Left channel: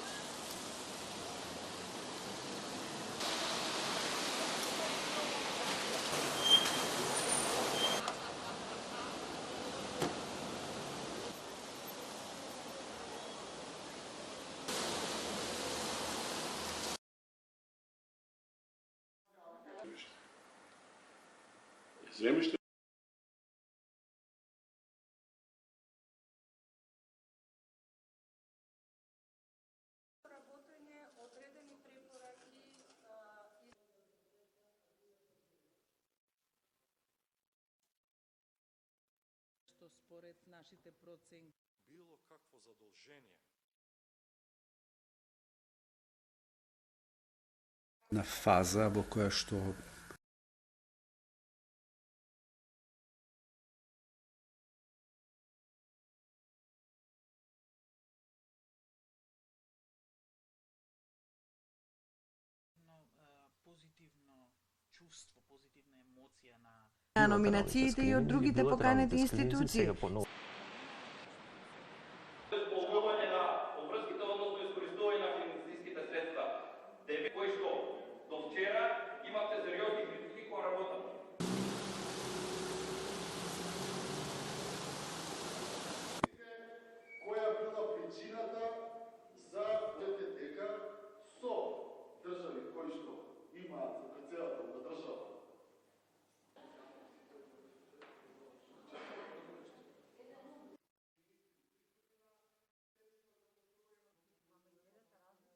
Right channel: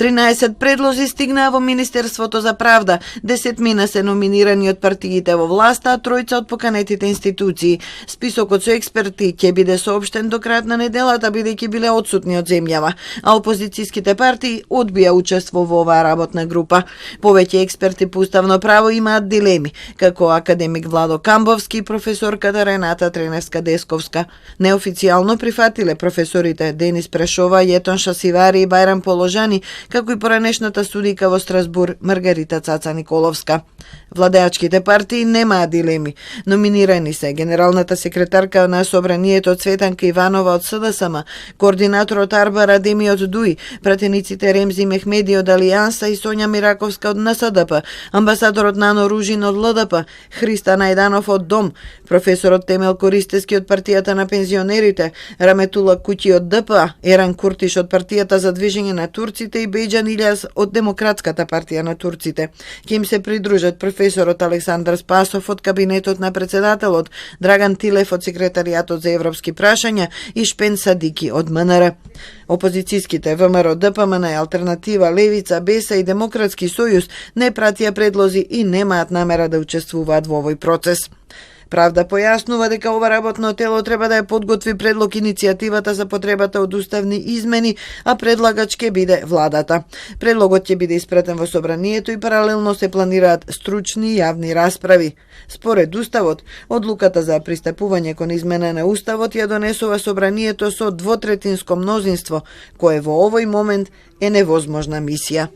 13 предлози стигнаа во Министерството за правда, 10 се номинирани од партиите во власта, а 3 од поканетите институции. Списокот со експерти ќе биде соопштен до крајот на неделата, бидејќи биле отсутни од земјава, а опозицијските партии одбија учество во оваа работна група. Повеќе експерти по уставно право имаат дилеми, како академик Владо Камбовски и професорката Рената Треневска-Десковска. Неофицијално прифатиле професорите Денис Прешова, Јетон Шасивари и Бајрам Положани, како и поранешната судика во Страсбур Маргарита Цаца Николовска. Владеачките партии немаат дилеми. Номинирани се генералната секретарка на Собранието Цветанка Иванова од СДСМ, координаторот Арбар Адеми од ДУИ, пратениците Ремзи Мехмеди од Алијанса и Сонја Мираковска од НСДП, амбасадорот Нано Ружин од ЛДП, Христа Најданов од ДОМ, професорот Темел Користески од партијата на пензионерите, Раметула Куќи од ДПА, Еран Куртиш од партијата за движење на турците и Бејџан Илјас од Демократската партија на турците. Ќе им се придружат професорот Александар Спасов од кабинетот на председателот, Драган Тилев од секретаријатот за европски прашања и Шпен Садики од МНР. Опозицијските ВМРО, ДПМН, Алтернатива, Левица, БЕСА и Демократски сојуз не пратија предлози и немаат намера да учествуваат во овој процес. Правда појаснува дека ова работно тело треба да ја подготви предлог иницијативата за потребата од уставни измени, а предлагач ќе биде владата. Предлогот ќе биде испратен во Собранието и паралелно се планираат стручни јавни расправи. Според Уставот, одлуката за пристапување кон измена на Уставот ја донесува Собранието со двотретинско мнозинство, кое во овој момент е невозможна мисија.